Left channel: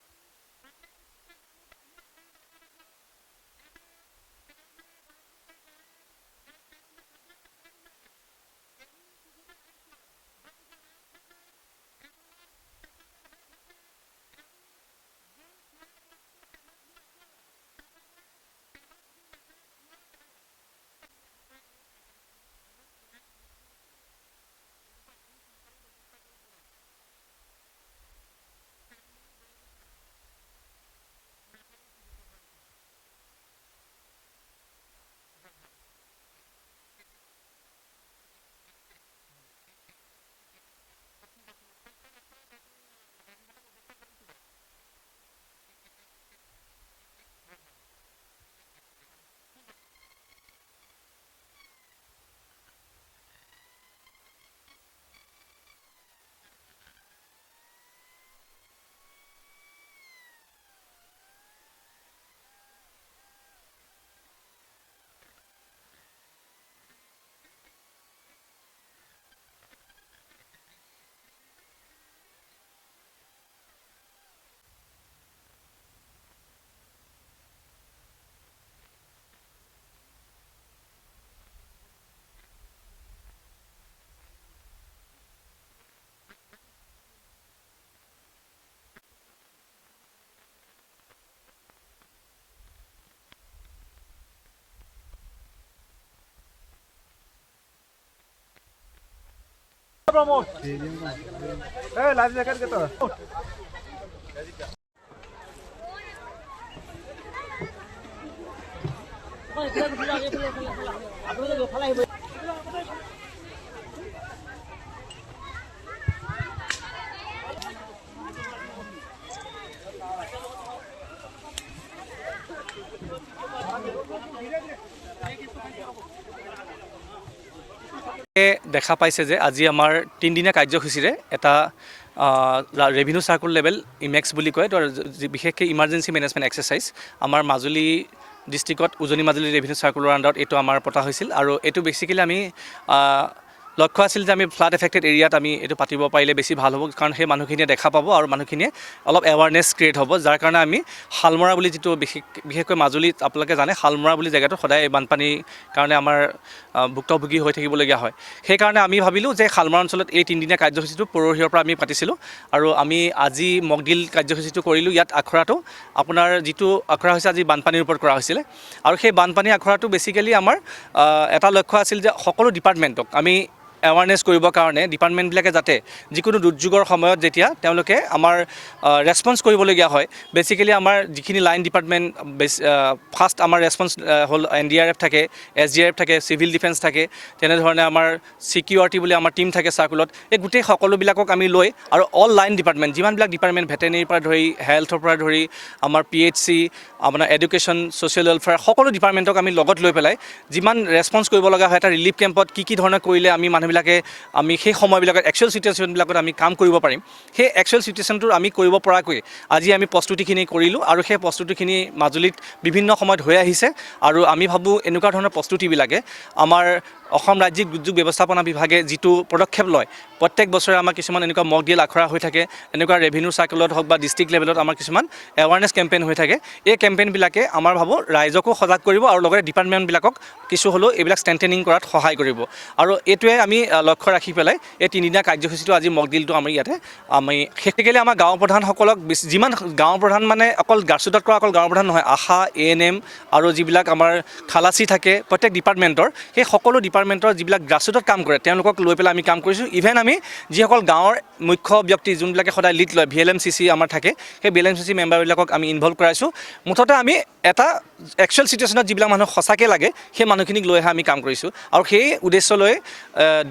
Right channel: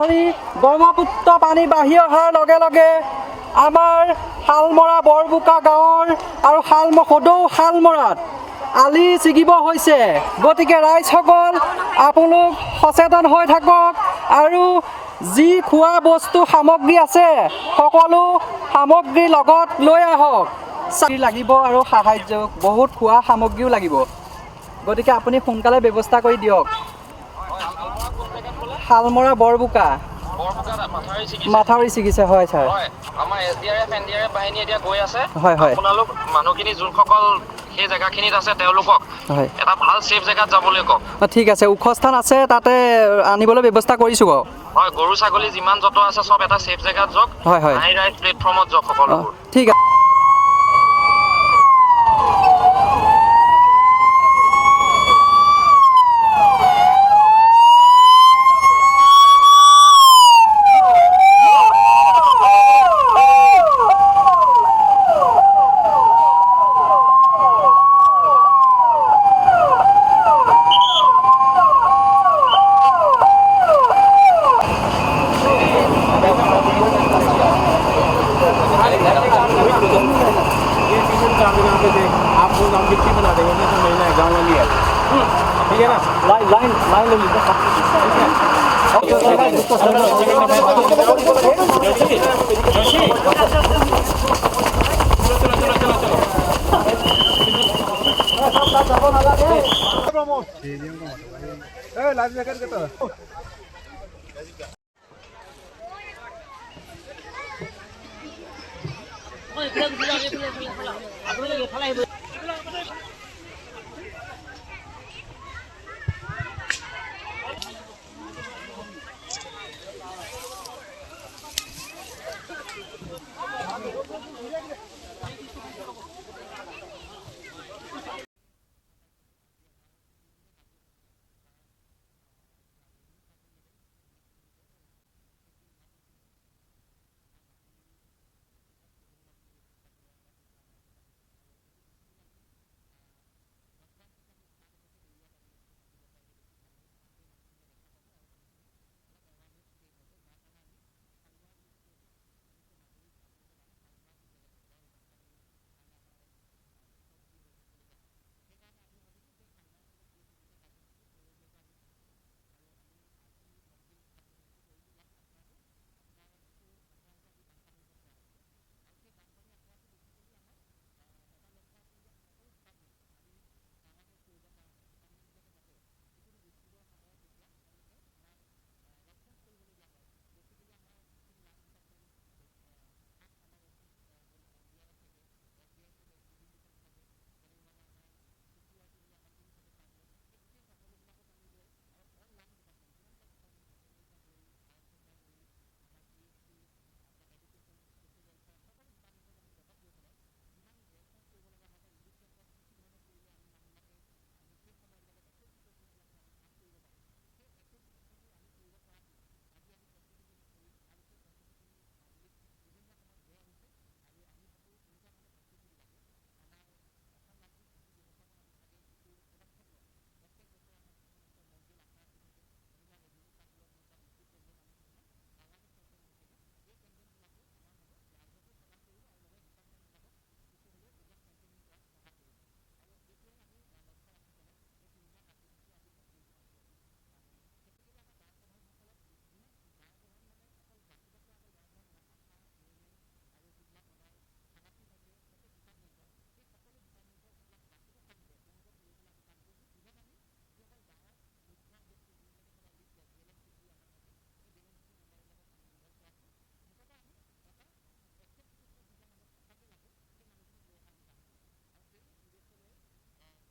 ব্ৰহ্মপুত্ৰ পানী বাঢ়ি অহাৰ লগে লগে আমাৰ শালমৰা বৰবোকা গাঁৱৰ আৰু সদৌ শালমৰাত আলি ছিগিব হৈছে। গতিকে ৰাইজসকল আপোনালোক সচেতন হৈ থাকক আৰু যি খোৱা বস্তু সামগ্ৰী আছে সকলো সামগ্ৰী লগত লৈ আহক। লাগিব আৰু সাহায্য বহুত খোৱা সামগ্ৰীও লাগিব। গতিকে আপুনি সোনকালে ব্যৱস্থা কৰি দিয়ক। শালমৰা বৰবোকা মাথাউৰি ছিগিছে হয় ছাৰ। আমাৰ SDRF NDRF বাহিনী এতিয়া গৈ আছে। হয় হয় আপোনালোক মানুহখিনি যোনসকল সেই জেগাখিনিত আছে তেওঁলোকক এটা ভাল সেফ জেগাত যাবলৈ কওক। ঠিক আছে, ওখ স্থান আছে তাতে আনিবলৈ ব্যৱস্থা কৰিছোঁ বাৰু। হয়, গৰু ছাগলী যিমান যত আছে চব এটা সেফ জেগাত যাওক। হয় হয় হাই ৰাইজ প্লেটফৰ্মত যাওক সকলোবোৰ। ঠিক আছে। आपको हम मिट्टी बना देंगे तो महीना है गाँव वाली है ठीक है ना। लाइन लाइन ले लीजिए लाइव जैकेट के तो দেখা পাইছে যে আজি আমাৰ 3 দিনীয়া কাৰ্যসূচীৰে এটা ৰেভিনিউ সাৰ্কুল লেভেল ইমেক্স বুলি কয়, তো বিশেষকৈ ইমাৰ্জেঞ্চি মেনেজমেণ্ট এক্সাৰচাইজ আমাৰ মাজুলী ডিষ্ট্ৰিক্টত উজনি মাজুলী ৰেভিনিউ সাৰ্কুলৰ আণ্ডাৰত এইটো আমাৰ পতা হৈছিল। আৰু এইটো বেছিকেলি আমি লক্ষ্য আছিল যে আমি ফ্লাড এফেক্টেড এৰিয়াত আমি এইটো পাতিব পাৰিলে বেছি ভাল হ'ব, কাৰণ সেই মানুহখিনিয়ে দেখা পাব আৰু মানুহখিনিয়ে অলপ এৱাৰনেছ ক্ৰিয়েট হ'ব। যাৰ কাৰণে আমি শালমৰা বুলি যিটো বিশেষকৈ মাজুলীত আপোনালোকে জানে শালমৰা বুলি জেগাটো সদায় বানপানীৰ কাৰণে আমাৰ ভুক্তভোগী হৈ থাকিবলগীয়া হয়। সেইকাৰণে আমি ভাবিলোঁ যে শালমৰা অঞ্চলত এই 3 দিনীয়া কাৰ্যসূচীটো পৰহিৰ পৰা আমি পাতিছিলোঁ আৰু আমি আজি মকডিল কাৰ্যসূচীটো কৰিলোঁ। ইয়াত আখৰাটো আপোনাৰ যিটো আখৰা হৈছে আজি বানপানীৰ ওপৰত কৰা হৈছিলে আৰু সেই বানপানী আখৰাটো বেছিকেলি আমাৰ এটা লক্ষ্য আছিল যে সকলো ডিপাৰ্টমেণ্টক আমি এৱাৰনেছ কৰিবৰ কাৰণে ডিপাৰ্টমেণ্টবিলাকে যাতে যিকোনো দুৰ্যোগৰ সময়ত যেতিয়া তেওঁলোকে আমাৰ ৰেছপন্স কৰিবলগীয়া হয়, বেছিকেলি আমাৰ যিখিনি লাইন ডিপাৰ্টমেণ্ট ফাৰ্ষ্ট আমাৰ ৰেছপন্স হ'ল NDRF থাকে, SDRF থাকে, চিভিল ডিফেন্স থাকে, তেনেধৰণে আমাৰ চিকিউৰিটি বুলি আমাৰ টীম থাকে চাৰ্কুলত। এই গোটেই সকলোবিলাকক আমি লৈ আৰু অল লাইন ডিপাৰ্টমেণ্ট যিমানবিলাক ডিপাৰ্টমেণ্ট ভেটেনেৰীৰ পৰা ধৰি হেল্থৰ পৰা ধৰি আমাৰ PHC আপোনাৰ এডুকেশ্যন ছ'চিয়েল ৱেলফেয়াৰ সকলো ডিপাৰ্টমেণ্টক আমি লগত লৈ পেলাই যিমান ৰেছপন্স কৰিব লগা হয় এটা ৰিলিফ কেম্পত কি ধৰণে কৰিলে আমি আমি সেই সময়বিলাকত একচুৱেল চিটুৱেশ্যনবিলাকত আমি কাম কৰিব পাৰিম, সেই একচুৱেল চিটুৱেশ্যনটো আমি কৰিব পৰাকৈ আজি আমি প্ৰস্তুতিখিনি কৰিলোঁ। আৰু সেই প্ৰস্তুতিখিনি মাজুলীত বিভিন্ন সময়ত হৈ আহিছে আৰু আমি ভাবোঁ এনেকুৱা ধৰণৰ প্ৰস্তুতিবিলাকে আমাৰ অসম ৰাজ্যিক দুৰ্যোগ ব্যৱস্থাপনা বিভাগে যিটো পদক্ষেপ লয়, প্ৰত্যেক বছৰে আমাৰ কিছুমান এনেকুৱা মক ড্ৰিল আখৰা হৈ থাকে, এনেকুৱা ৰেভিনিউ চাৰ্কুলত হওক বা ডিষ্ট্ৰিক্ট লেভেলত আমাৰ কিছুমান এৱাৰনেছ কেম্পেইন হৈ থাকে। এই কেম্পেইনবিলাকে আমাৰ ভাবোঁ ৰাইজকো সজাগ কৰিব আৰু লগতে ডিপাৰ্টমেণ্টবিলাকক কিছু হ'লেও এইবিলাক ষ্ট্ৰেংথেনিং কৰাত সহায় কৰিব। আৰু এইটোৱে আমি লক্ষ্য ৰাখি পেলাই এই 3 দিনীয়া কাৰ্যসূচীটো আজি মক ড্ৰিলটো আমি ইয়াতে বিশেষকৈ আমাৰ গাঁও প্ৰধানসকলক যিমান গাঁও প্ৰধান মানে অকল গাছুদাত কৰা অকল গাঁও প্ৰধান নহয়, আশা ANM আৰু যিবিলাক আমাৰ খালাচী থাকে প্ৰত্যেক ডিপাৰ্টমেণ্টৰ, সেই সকলো ডিপাৰ্টমেণ্টৰ যিবিলাক গ্ৰাছৰুটত কাম কৰে তেওঁলোকক লৈ পেলাই আমি কাম কৰিছোঁ। ইভেন আমি যিসকল গাঁৱৰ মুখ্য ব্যক্তি যোনবিলাকে সদায় লিড লয় VLMCC আমাৰ থাকে, সেই VLMCC মেম্বাৰবিলাকক আমি ইনভলভ কৰাইছোঁ। মুঠতে আমি এটা একচুৱেল চিটুৱেশ্যনত যিবিলাক মানুহ সঁচাকৈ লাগে সেই মানুহখিনিক লৈহে আমি কাম কৰিছোঁ। আৰু সেই উদ্দেশ্য লৈ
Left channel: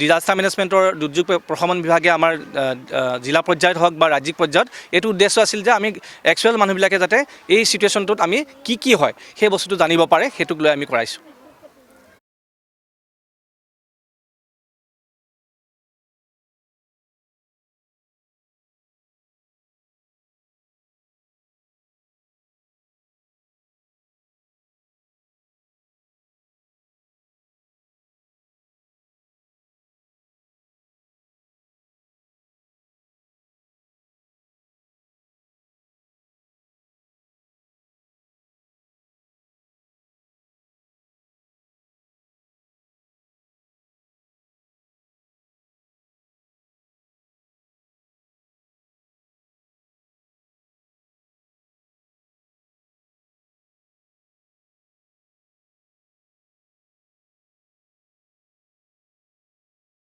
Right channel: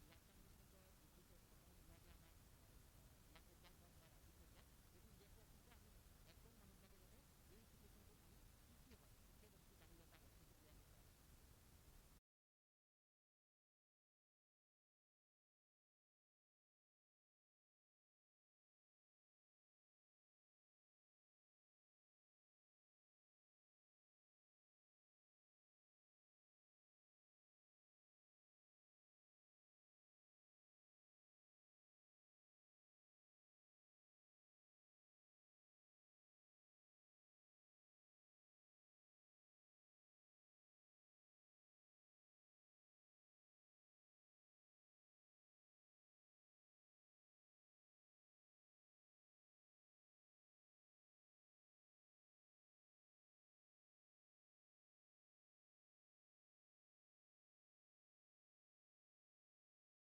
ডিজাষ্টাৰ মেনেজমেণ্টৰ দুৰ্যোগ প্ৰশমন বিভাগে আমাৰ জিলা পৰ্যায়ত হওক বা ৰাজ্যিক পৰ্যায়ত এইটো উদ্দেশ্য আছিল যে আমি একচুৱেল মানুহবিলাকে যাতে এই চিটুৱেশ্যনটোত আমি কি হয় সেই বস্তুটো জানিব পাৰে, সেইটোক লৈ আমি কৰাইছোঁ।